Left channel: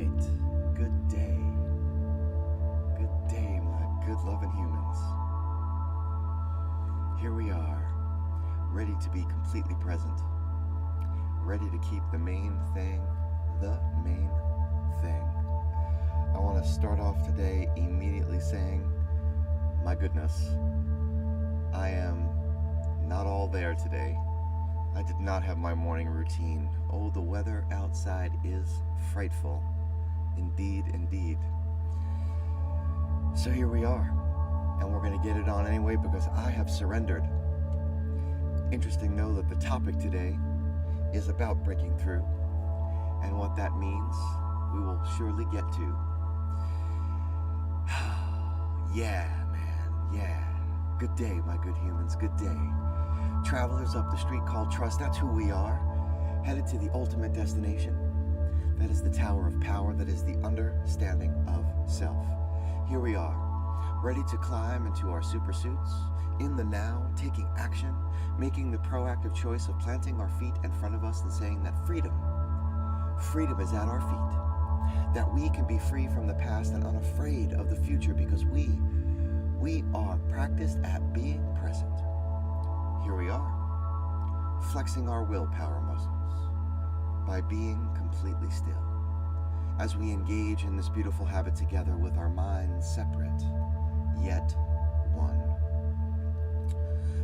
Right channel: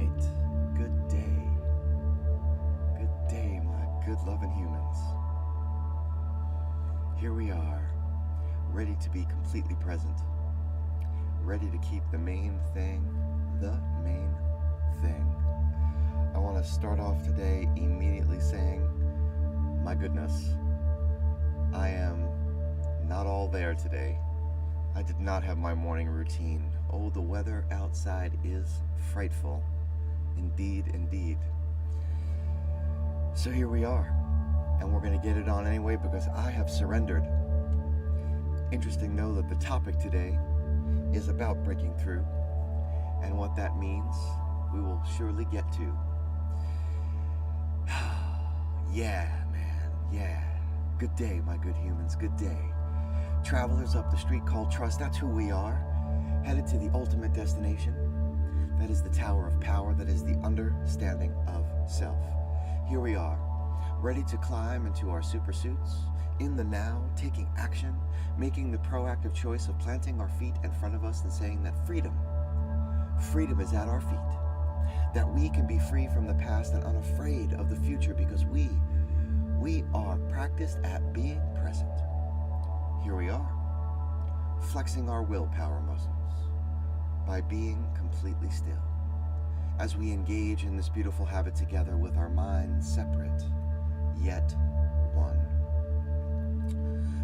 right. Good day. Good day, my good loving humans. Here we are, ready to be completely present. Ready to keep the main thing, the main thing. I want to start off today immediately saying, my goodness, I am not all there today. I did not have my morning routine. Oh, the weather outside is frightful. Indeed, indeed. So here we are, and we're going to get it on anyway because I have surrendered. Interesting though that the topic today is about breaking through, and what that means we will surely get to. Yeah, man, yeah. Good day, my good humans, good day. Travelers up the street called trust, that's who we are, headed to the ultimate destination. That is the Tower of Power, that is the understanding of self. Here we are, ready to climb into our super suits, in the now, taking action, making the proactive choice of planting our feet in front of us and saying that freedom is at our feet. That we can be free from the past and unafraid of the future because we are practiced at being present. Here we are, flexing our willpower muscles by being completely still as we engage in this beautiful habit together with our minds separate, yet one.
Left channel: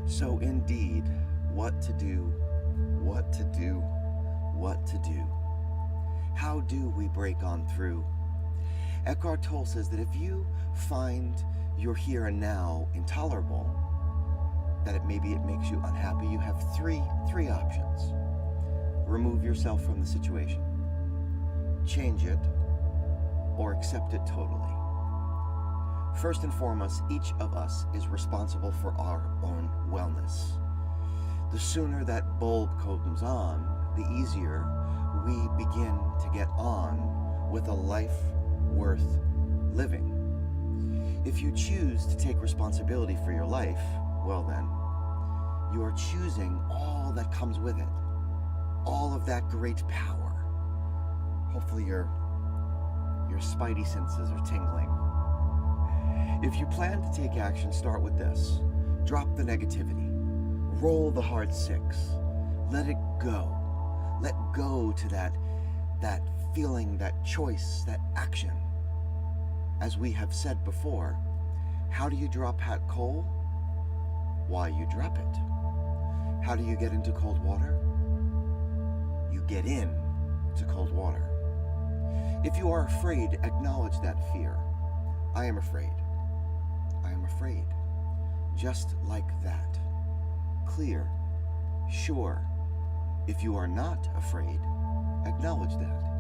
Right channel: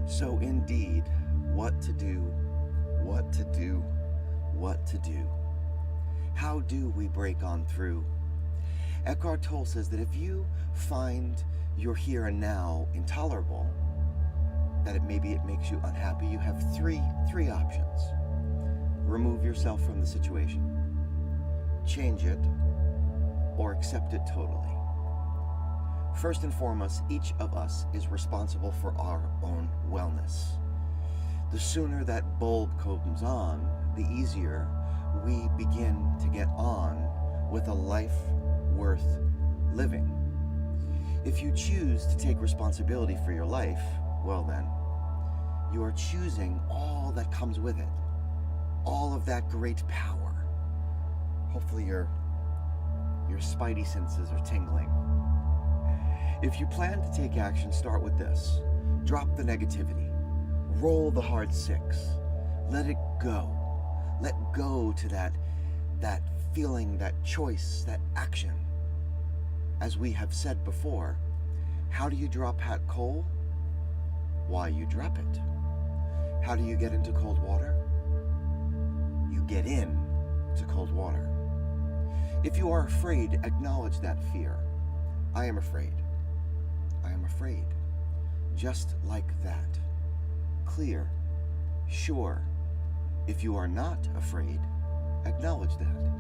So indeed, what to do, what to do, what to do. How do we break on through? Eckhart Tolle says that if you find your here and now intolerable, that maybe it makes you unhappy, you have three options. Remove yourself from the situation, change it, or accept it totally. First and foremost, each of us is responsible for our own wellness. The sooner that bulb comes on, the easier we begin to get on with a life worth living. If you choose to take responsibility for your life, well then, you are choosing all that comes with it. All of that great power. Hopefully your spidey senses are tingling. If you plan to take action, start with this. Drop the negativity. Roll the hard six. Let it go. Let go to that feeling, that choice, that action. As we have said before, how do you drop hot coal? Why, you drop it. How do you get into cold water? You get in to cold water. If you are afraid, acknowledge that fear. I am afraid. I am afraid. Just like that. Clear. Sure. If you are not afraid, acknowledge that.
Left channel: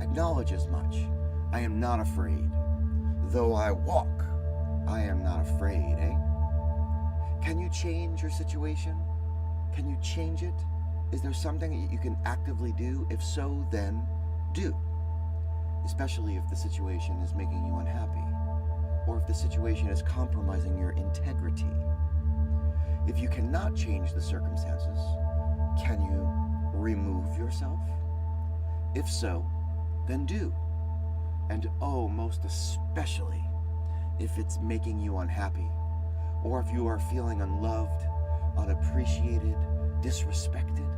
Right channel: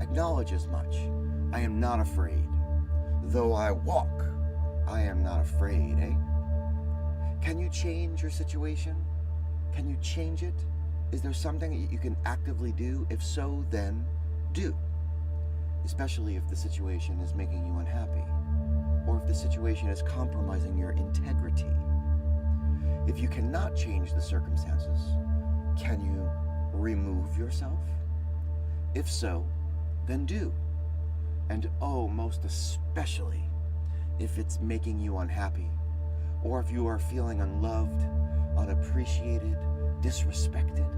Acknowledge as much. I am not afraid. Though I walk, I am not afraid, eh? Can you change your situation? Can you change it? Is there something that you can actively do? If so, then do. Especially if the situation is making you unhappy, or if the situation is compromising your integrity. If you cannot change the circumstances, can you remove yourself? If so, then do. And oh, most especially, if it's making you unhappy, or if you are feeling unloved, unappreciated, disrespected.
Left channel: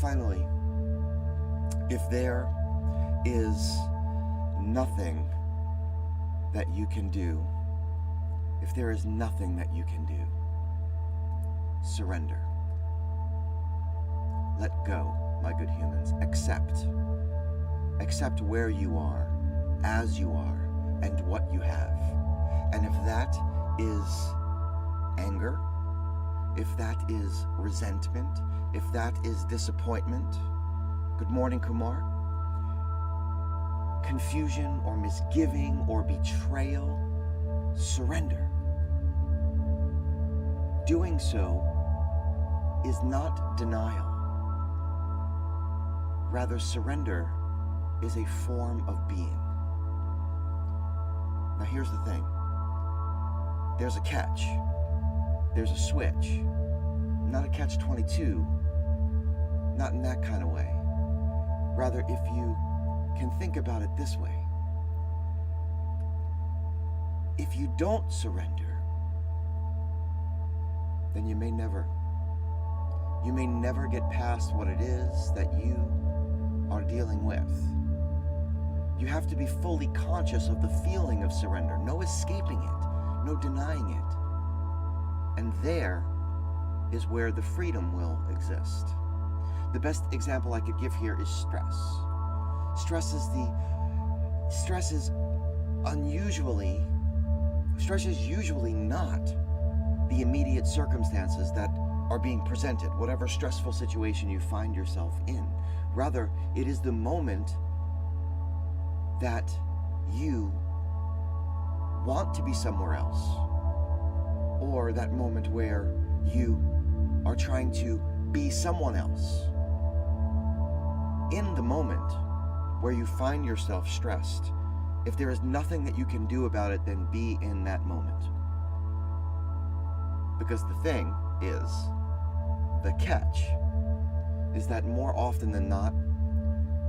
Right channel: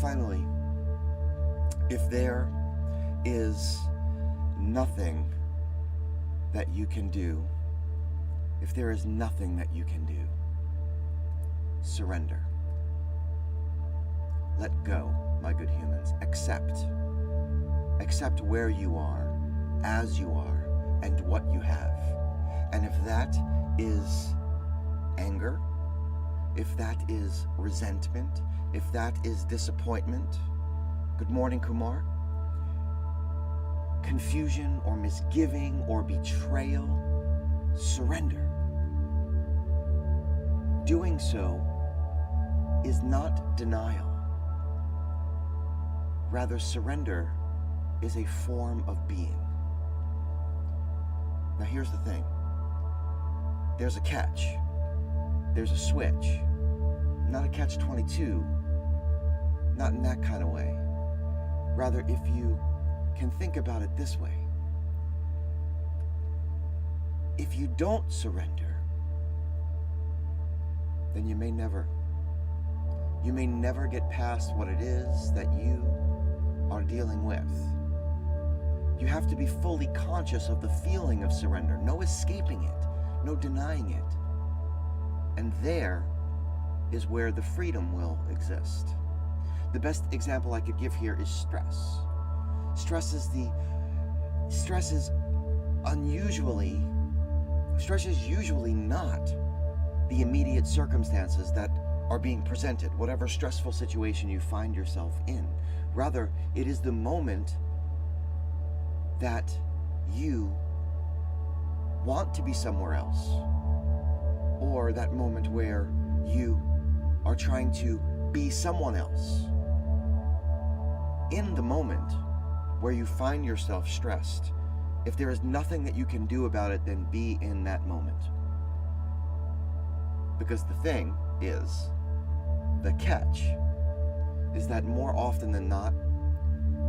Finally, if there is nothing that you can do, if there is nothing that you can do, surrender. Let go, my good humans. Accept. Accept where you are, as you are, and what you have. And if that is anger, if that is resentment, if that is disappointment, good morning, Kumar, confusion or misgiving or betrayal, surrender. Doing so is not denial. Rather, surrender is a form of being. Now here's the thing. There's a catch. There's a switch. Not a catch-22. Not in that kind of way. Rather, if you can think about it this way. If you don't surrender, then you may never get past what it is that you are dealing with. You have to be fully conscious of the feeling of surrender, no escaping it, no denying it. And there is where the freedom will exist. The best example I could give here is stress. Stress is usually not the immediate circumstances that are being presented, whatever stressful situation you find yourself in. Rather, it is the moment that you want to be somewhere else, or that moment where you are trying to be someone else. In the moment where you find yourself stressed, if there is nothing that you can do about it, then be in that moment. Because the thing is, the catch is that more often than not,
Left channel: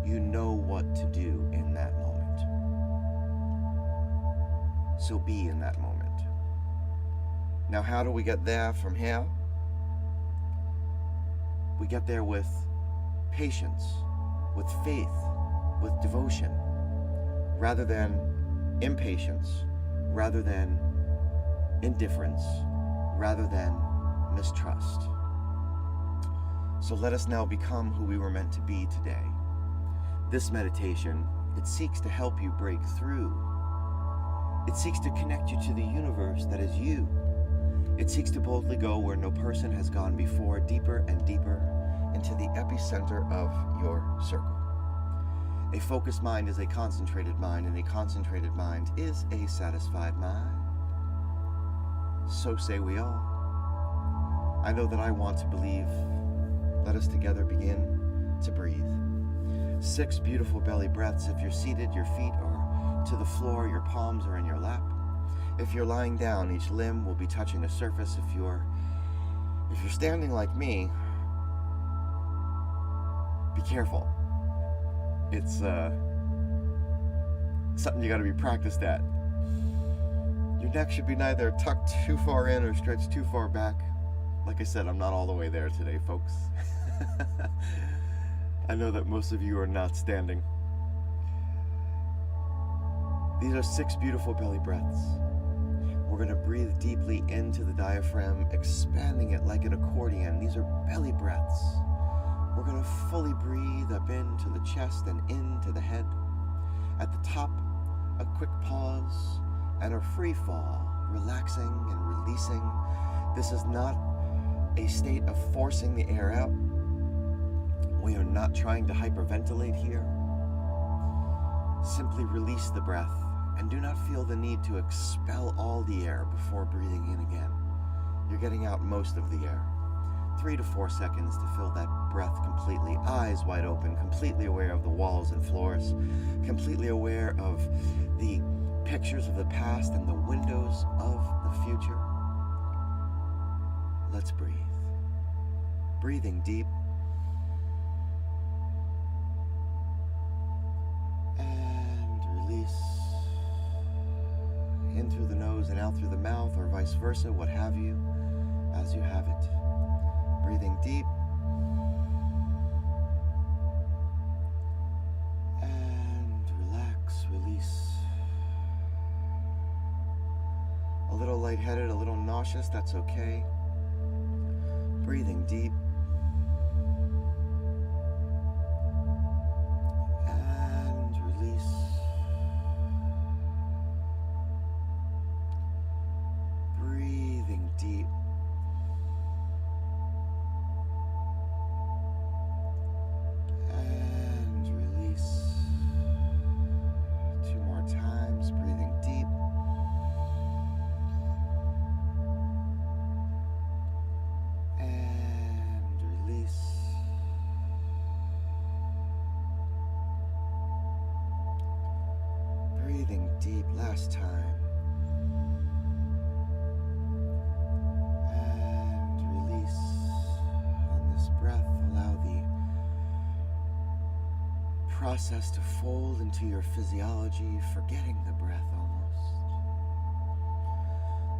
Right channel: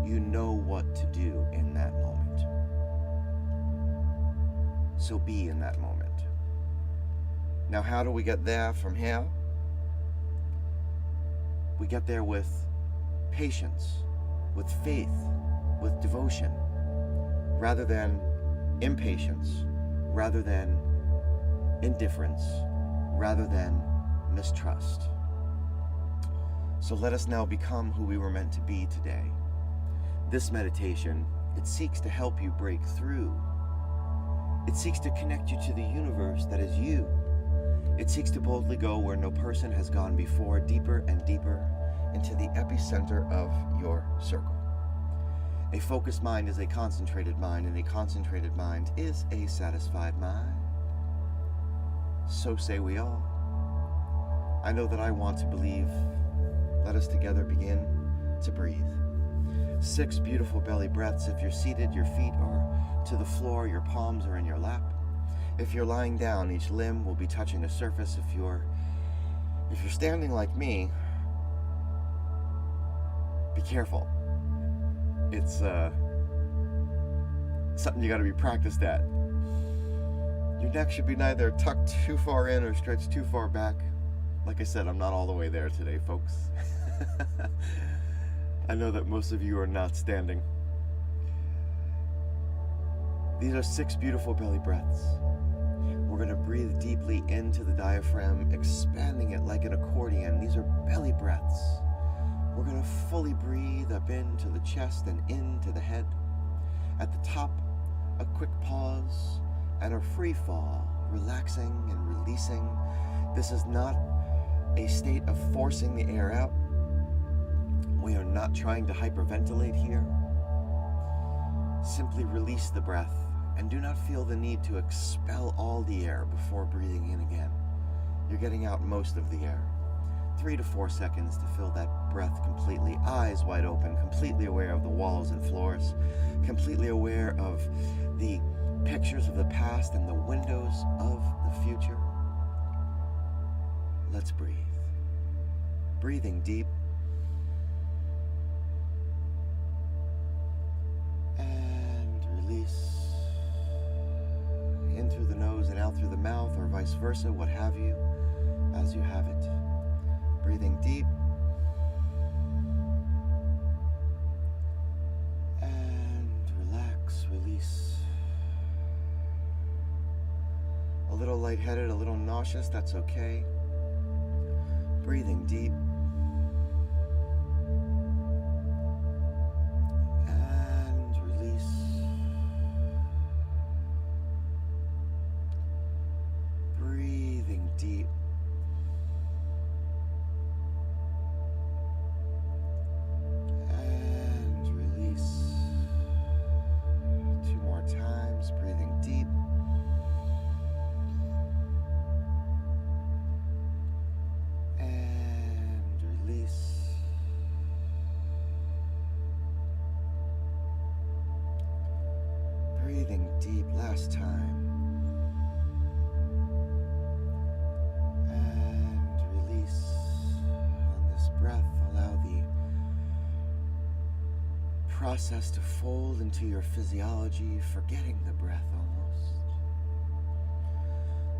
you know what to do in that moment. So be in that moment. Now, how do we get there from here? We get there with patience, with faith, with devotion, rather than impatience, rather than indifference, rather than mistrust. So let us now become who we were meant to be today. This meditation, it seeks to help you break through. It seeks to connect you to the universe that is you. It seeks to boldly go where no person has gone before, deeper and deeper into the epicenter of your circle. A focused mind is a concentrated mind, and a concentrated mind is a satisfied mind. So say we all. I know that I want to believe. Let us together begin to breathe. 6 beautiful belly breaths. If you're seated, your feet are to the floor, your palms are in your lap. If you're lying down, each limb will be touching a surface. If you're standing like me, be careful. It's something you got to be practiced at. Your neck should be neither tucked too far in or stretched too far back. Like I said, I'm not all the way there today, folks. I know that most of you are not standing. These are 6 beautiful belly breaths. We're going to breathe deeply into the diaphragm, expanding it like an accordion. These are belly breaths. We're going to fully breathe up into the chest and into the head. At the top, a quick pause and a free fall, relaxing and releasing. This is not a state of forcing the air out. We are not trying to hyperventilate here. Simply release the breath and do not feel the need to expel all the air before breathing in again. You're getting out most of the air. 3 to 4 seconds to fill that breath completely, eyes wide open, completely aware of the walls and floors, completely aware of the pictures of the past and the windows of the future. Let's breathe. Breathing deep. And release in through the nose and out through the mouth, or vice versa, what have you, as you have it. Breathing deep. And relax, release. A little lightheaded, a little nauseous, that's okay. Breathing deep. And release. Breathing deep. And release. 2 more times, breathing deep. Breathing deep, last time. And release. On this breath, allow the process to fold into your physiology, forgetting the breath almost.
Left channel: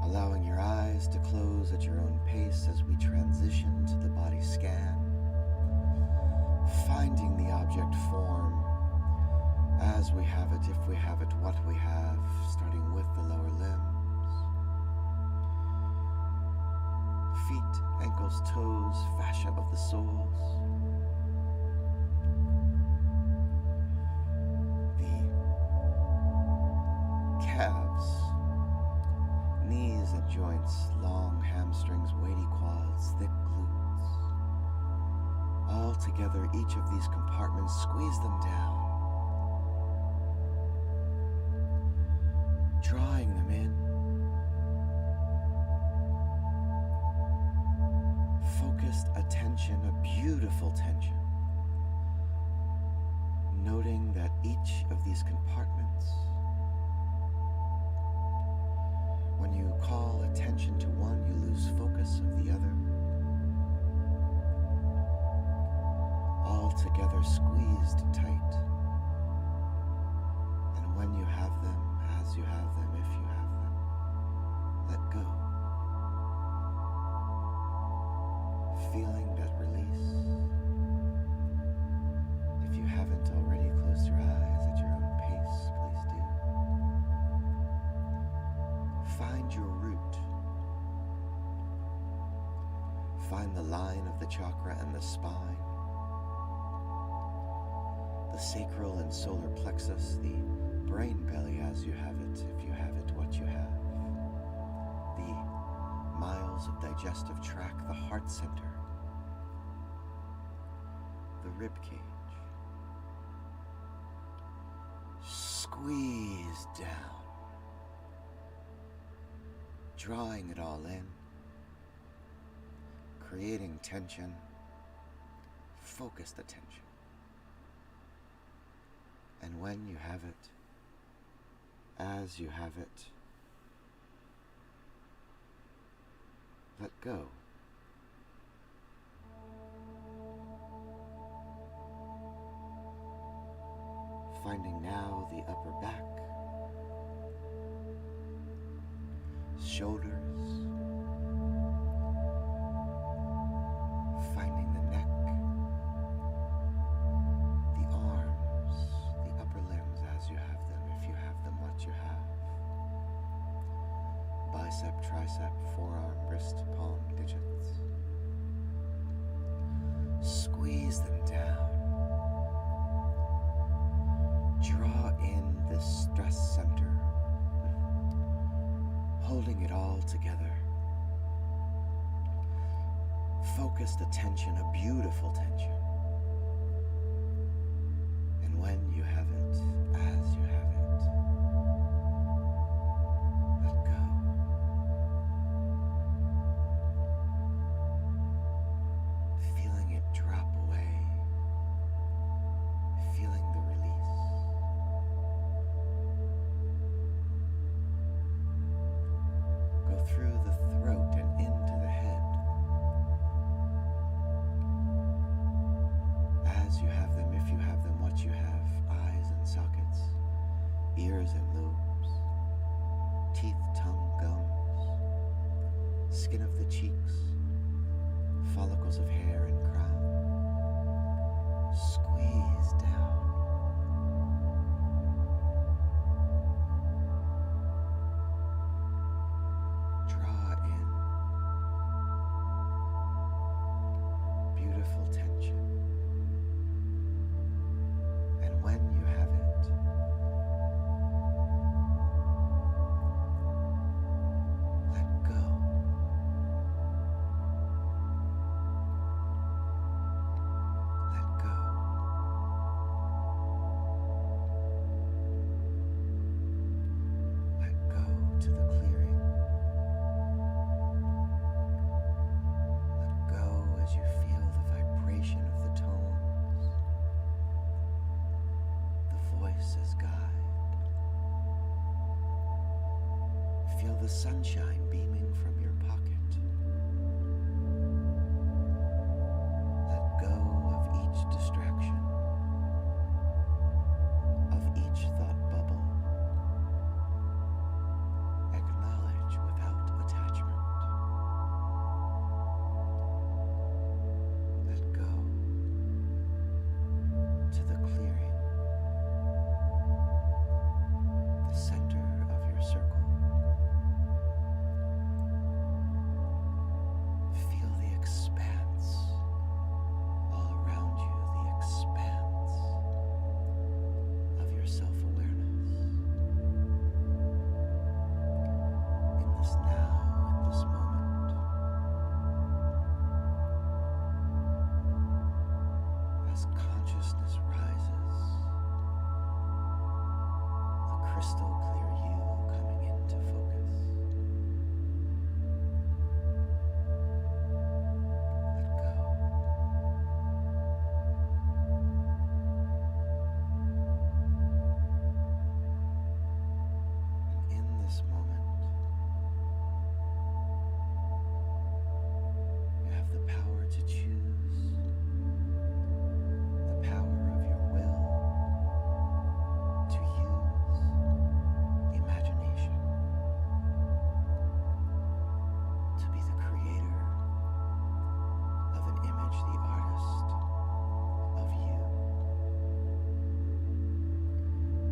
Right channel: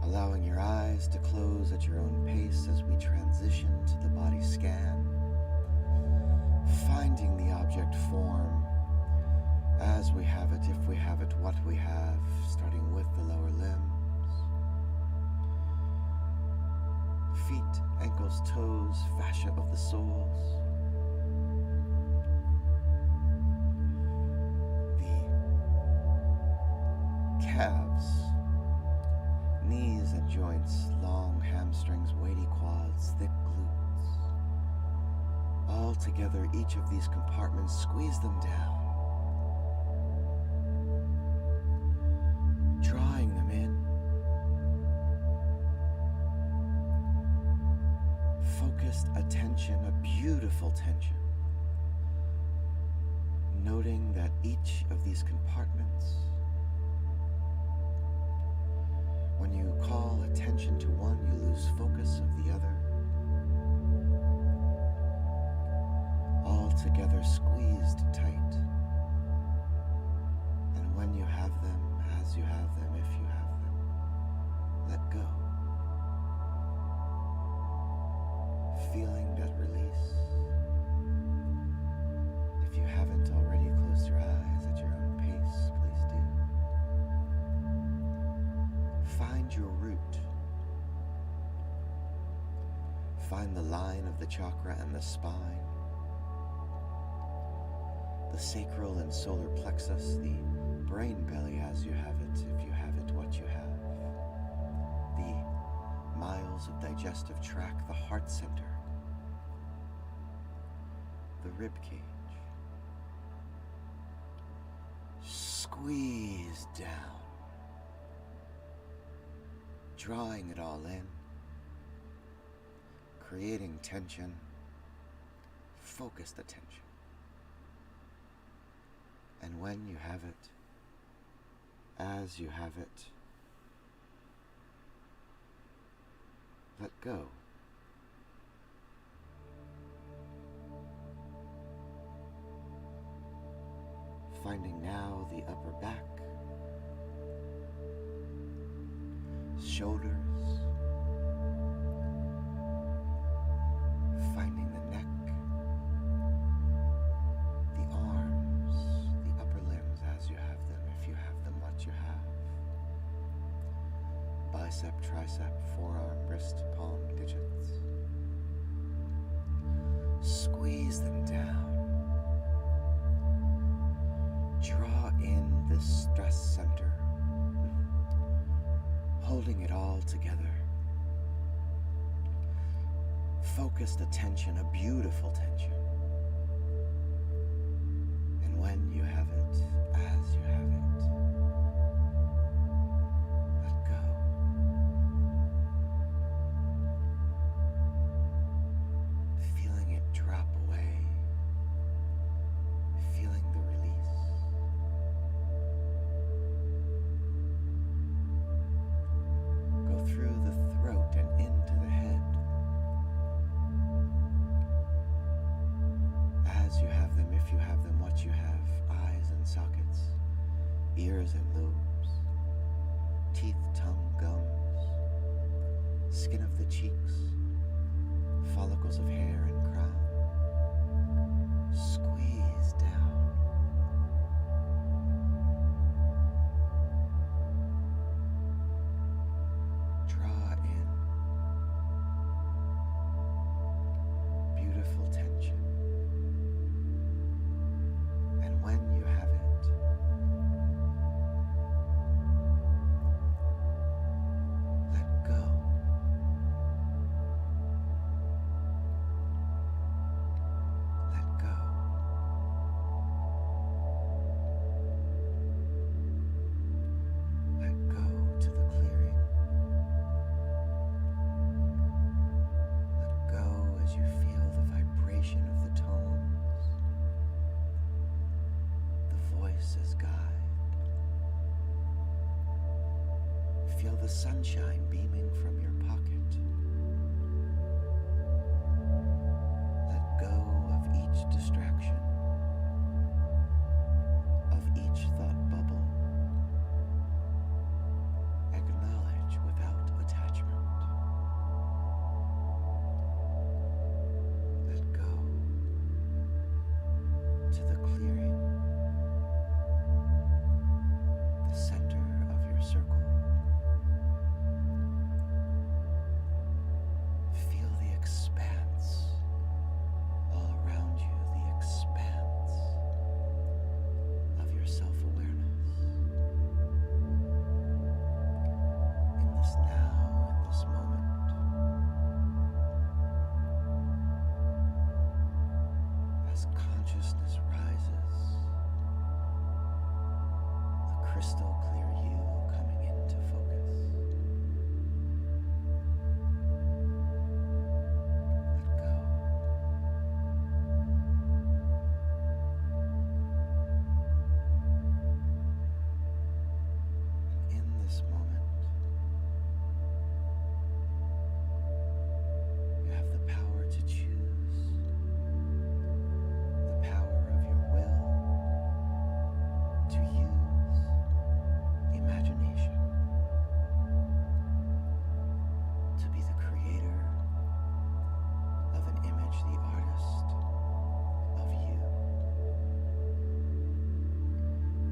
Allowing your eyes to close at your own pace as we transition to the body scan. Finding the object form as we have it, if we have it, what we have, starting with the lower limbs. Feet, ankles, toes, fascia of the soles. The calves, knees and joints, long hamstrings, weighty quads, thick glutes. All together, each of these compartments, squeeze them down. Drawing them in. Focused attention, a beautiful tension. Noting that each of these compartments, when you call attention to one, you lose focus of the other. All together squeezed tight. And when you have them, as you have them, if you have them, let go. Feeling that release. If you haven't already, closed your eyes at your own pace, please do. Find your root. Find the line of the chakra and the spine. The sacral and solar plexus, the brain belly as you have it, if you have it, what you have. The miles of digestive tract, the heart center. The rib cage. Squeeze down. Drawing it all in. Creating tension. Focused attention. And when you have it, as you have it, let go. Finding now the upper back, shoulders, finding the neck, the arms, the upper limbs as you have them, if you have them, what you have. Bicep, tricep, forearm, wrist, palm, digits. Squeeze them down. Draw in this stress center, holding it all together. Focused attention, a beautiful tension. And when you have it, as you have it, let go. Feeling it drop away, feeling the release. Go through the throat and into the head. As you have them, if you have them, what you have. Eyes and sockets, ears and lobes, teeth, tongue, gums, skin of the cheeks, follicles of hair and crown. Squeeze down. Draw in. Beautiful tension. And when you have it, let go. Let go. Let go to the clearing. Let go as you feel the vibration of the tones, the voice as guide. Feel the sunshine beaming from your pocket. Let go of each distraction. this now, in this moment, as consciousness rises, the crystal clear you coming into focus. Let go. And in this moment, you have the power to choose, the power of your will to use imagination, to be the creator of an image, the artist of you.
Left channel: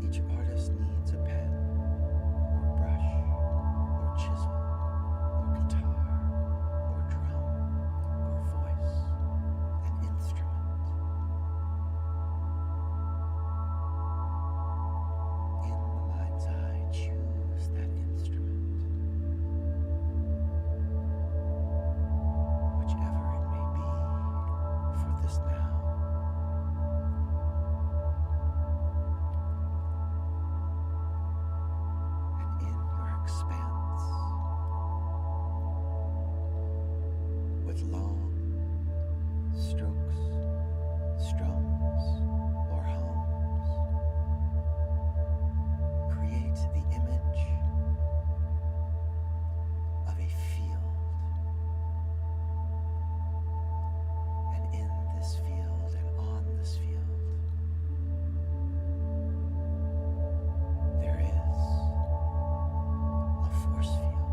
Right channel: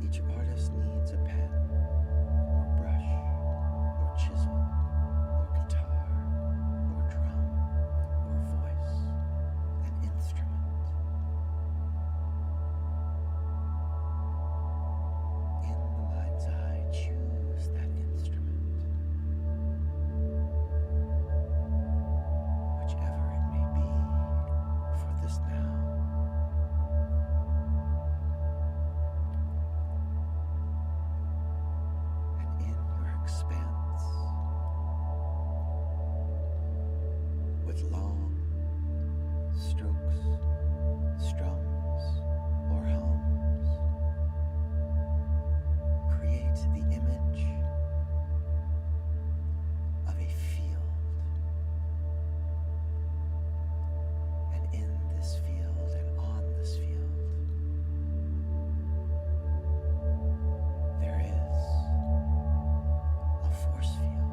Each artist needs a pen, or brush, or chisel, or guitar, or drum, or voice, an instrument. In the mind's eye, choose that instrument, whichever it may be for this now. And in your expanse, with long strokes, strums, or hums, create the image of a field. And in this field and on this field, there is a force field.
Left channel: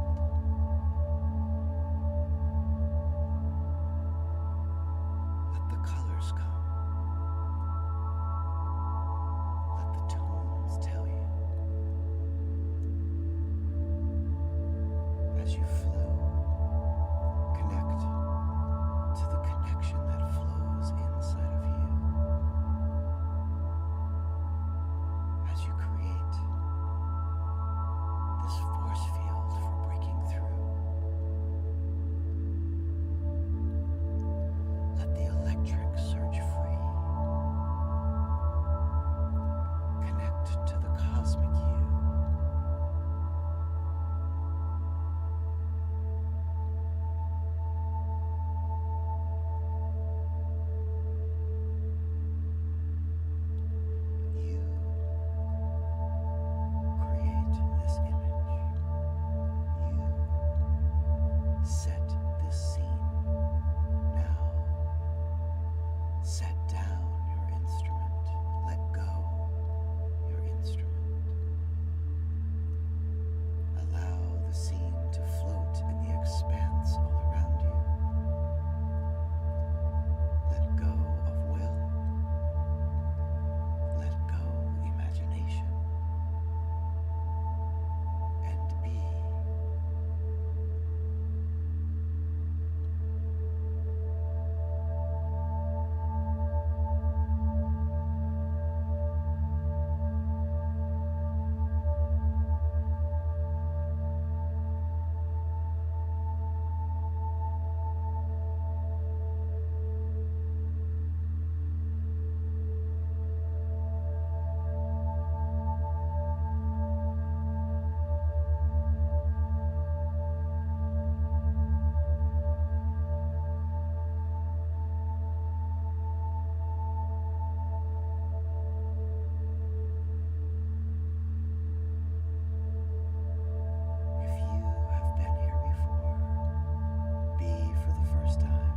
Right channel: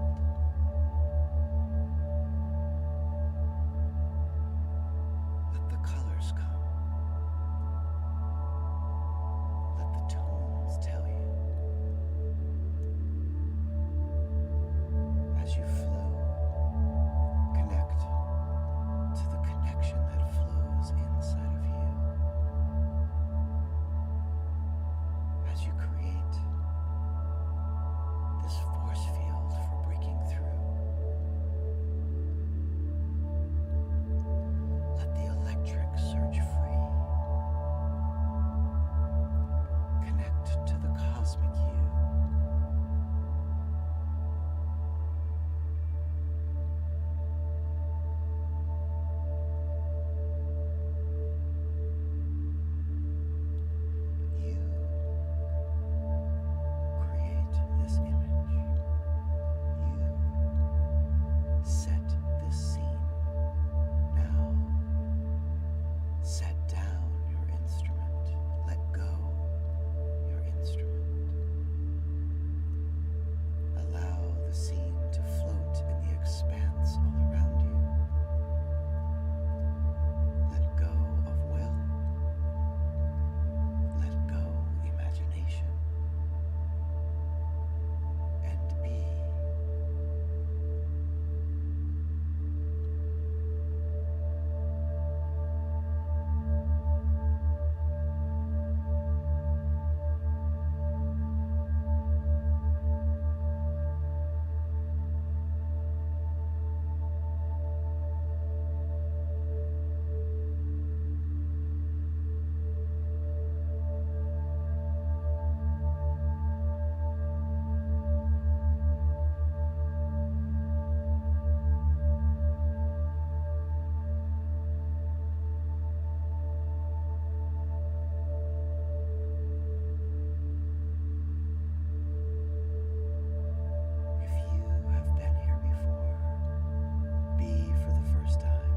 Let the colors come. Let the tones tell you. As you flow, connect to the connection that flows inside of you. As you create this force field for breaking through, let the electric surge free. Connect to the cosmic you. You create this image. You set this scene. Now, set down your instrument. Let go your instrument. Allow the scene to float in the expanse all around you. Let go of will. Let go imagination. And be. If you have been here before, be for the first time.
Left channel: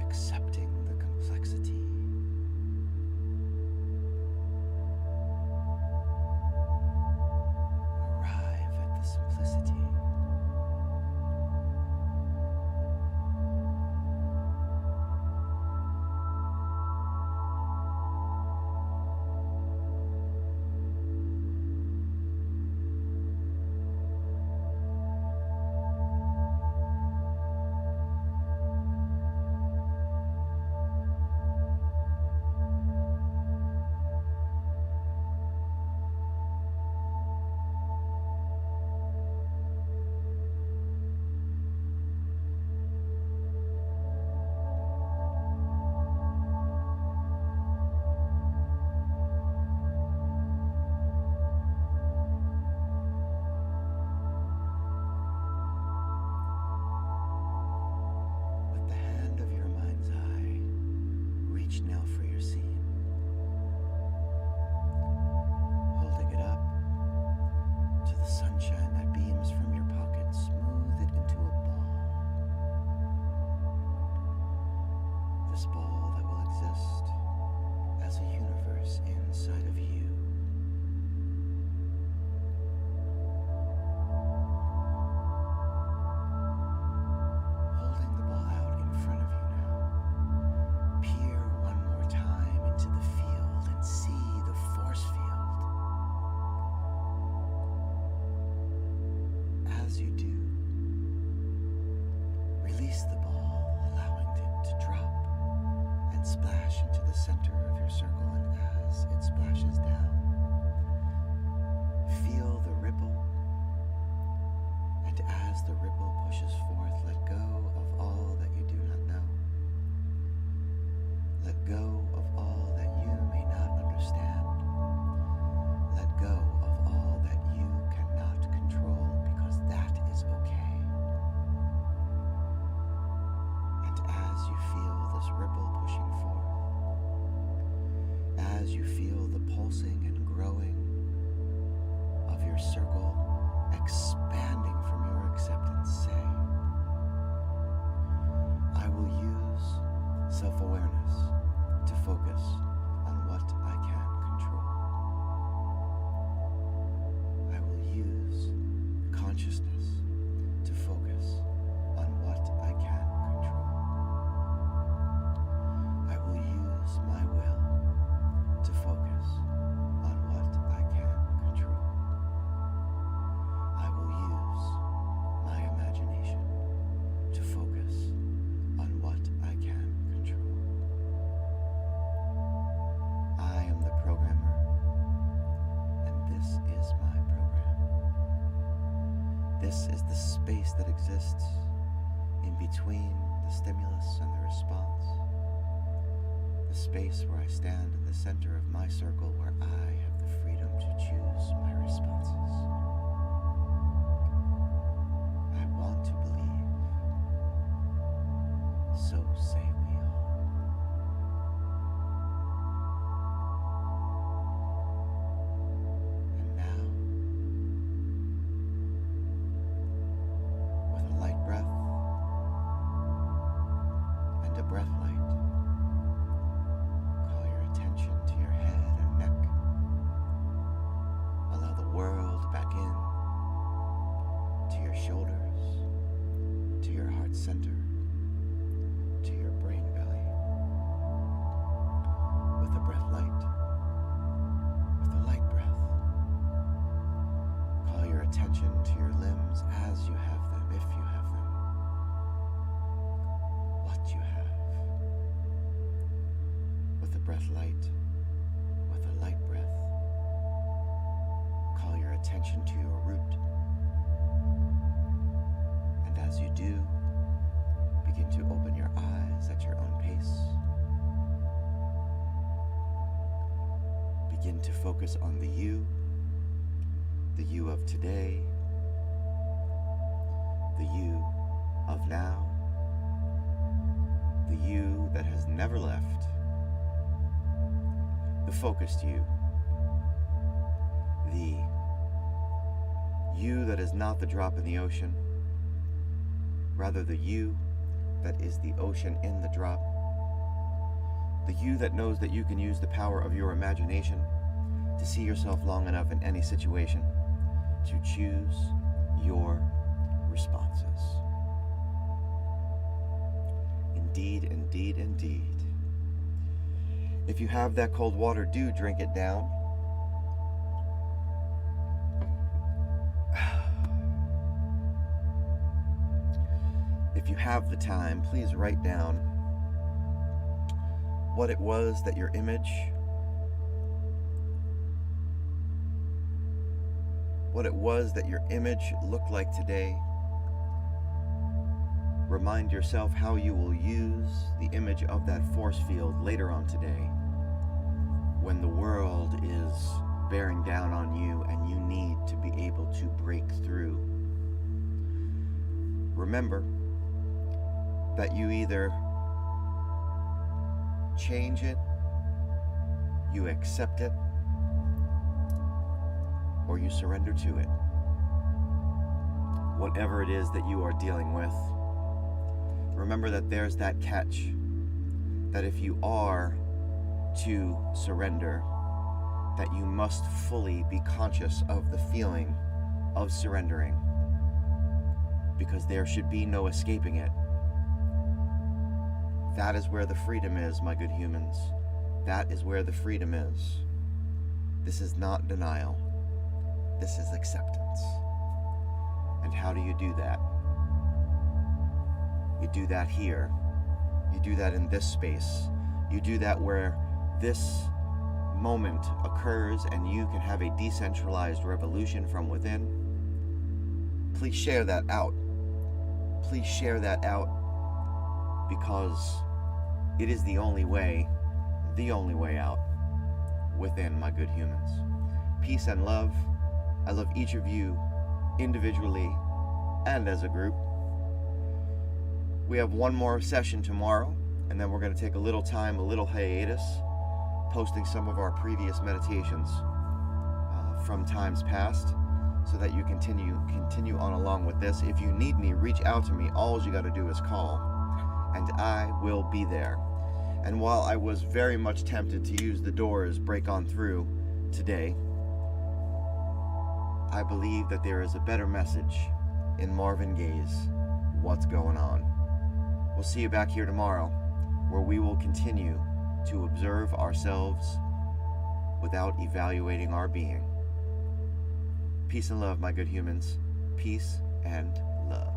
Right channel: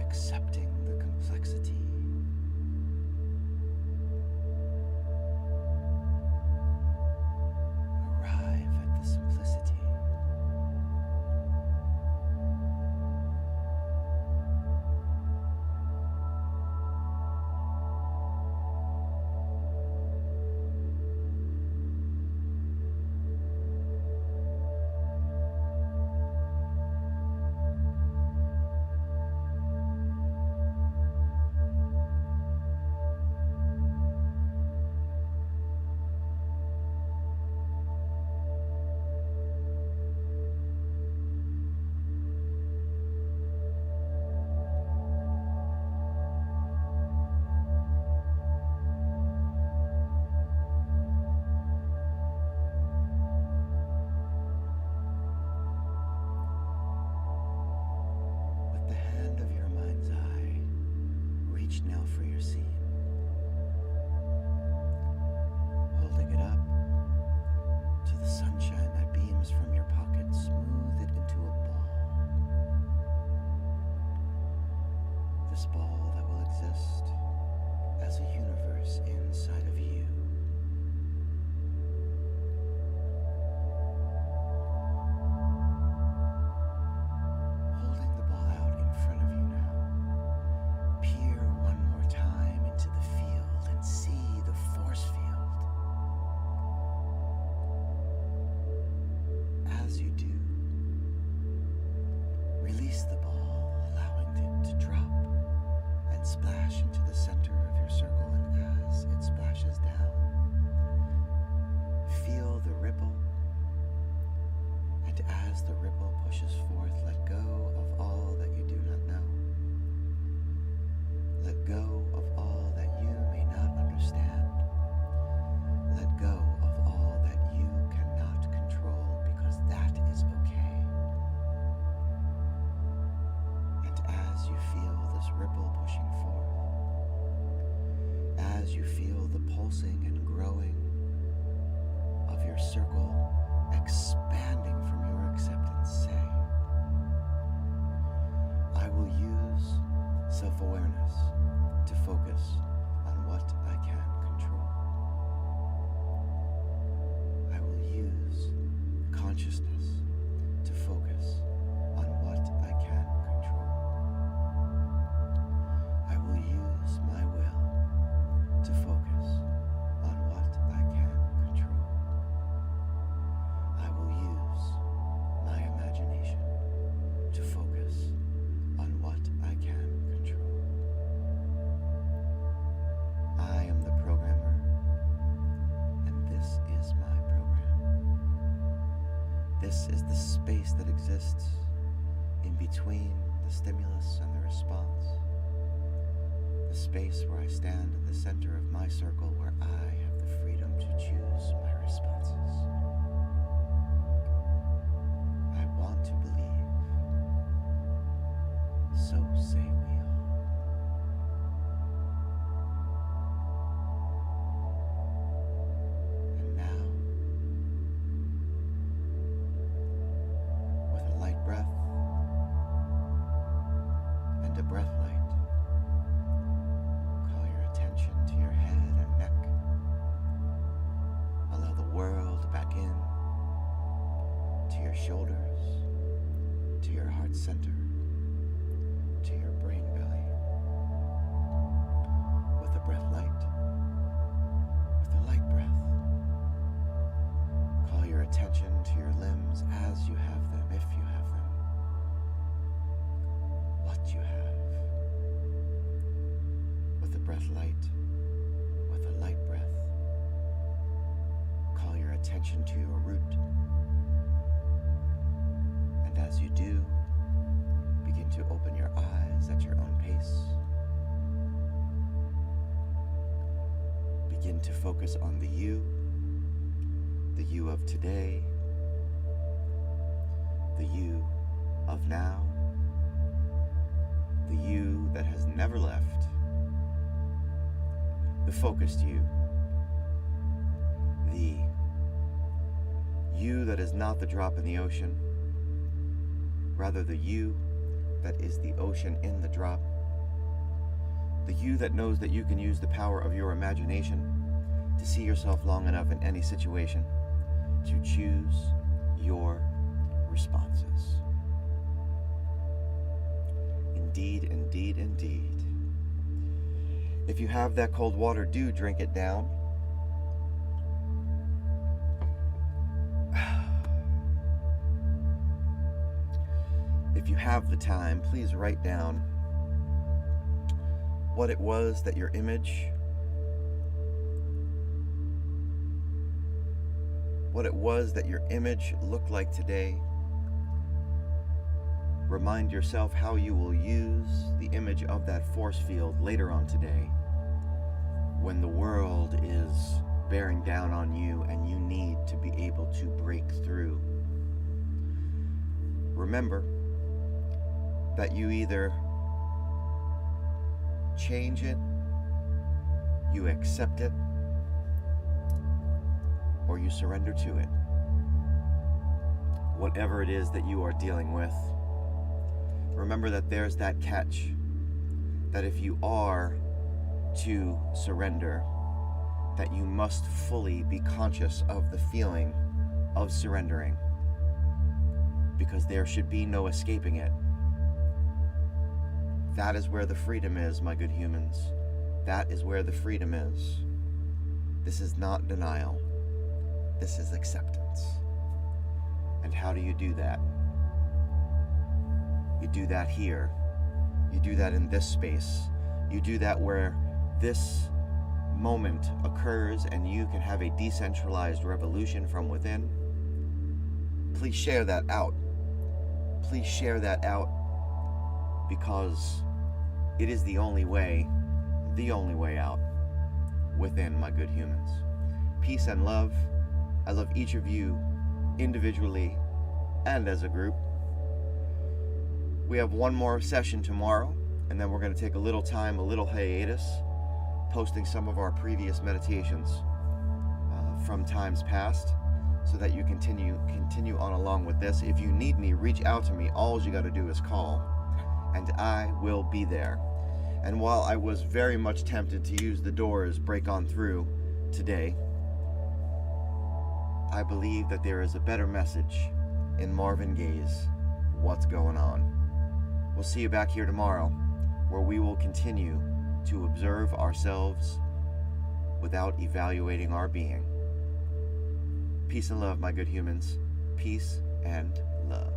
Accepting the complexity. Arrive at the simplicity. reach now for your scene, holding it up to the sunshine that beams from your pocket. Smooth it into a ball. This ball that will exist as a universe inside of you. Holding the ball out in front of you now, peer one more time into the field and see the force field. As you do, release the ball, allowing it to drop and splash into the center of your circle, and as it splashes down, feel the ripple, and as the ripple pushes forth, let go of all that you do not know. Let go of all that you may not understand. Let go of all that you cannot control, because that is okay. And as you feel this ripple pushing forth, as you feel the pulsing and growing of your circle expanding from your acceptance, say, I will use self-awareness to focus on what I can control. I will use consciousness to focus on what I can control. I will use my will to focus on what I can control. I will use my imagination to focus on what I can control. I am the programmer, and this is my program. This is the space that exists in between the stimulus and the response. The space where I stand in the center of my circle, where I have the freedom to choose my responses. I want to believe, so say we all. And now, with a light breath and a breath light, call your attention to your head and neck. Allow the world back in, to your shoulders, to your heart center, to your brain belly. With a breath light, with a light breath, call your attention to your limbs as you have them, if you have them, what you have. With a breath light, with a light breath, call your attention to your root. And as you do, begin to open your eyes at your own pace. Begin to focus on the you of today, the you of now, the you that has never left, the focused you, the you that is not the drop in the ocean, rather the you that is the ocean in the drop, the you that knows that you can use the power of your imagination to see yourself long enough in any situation to choose your responses. Indeed, indeed, indeed. If you have that cold water, do drink it down. If you have the time, please write down what it was that your image, looked like today. Remind yourself how you will use the image of that force field later on today, when the world is bearing down on you and you need to be able to break through. Remember that you either change it, you accept it, or you surrender to it. Whatever it is that you are dealing with, remember that there's that catch, that if you are to surrender, that you must fully be conscious of the feeling of surrendering, because there should be no escaping it. That is where the freedom is, my good humans. That is where the freedom is. This is not denial. This is acceptance. And how do you do that? You do that here. You do that in this space. You do that where this moment occurs and you can have a decentralized revolution from within. Please share that out. Please share that out, because it is the only way out within, my good humans. Peace and love. I love each of you individually and as a group. We have one more session tomorrow, and then we're going to take a little time, a little hiatus, posting some of our previous meditations from times past, so that you continue on along with this. If you need me, reach out to me. All you got to do is call, and I will be there. And while I was very much tempted to use the Doors' Break On Through today, I believe that there is a better message in Marvin Gaye's What's Going On. We'll see you back here tomorrow, where we will continue to observe ourselves without evaluating our being. Peace and love, my good humans. Peace and love.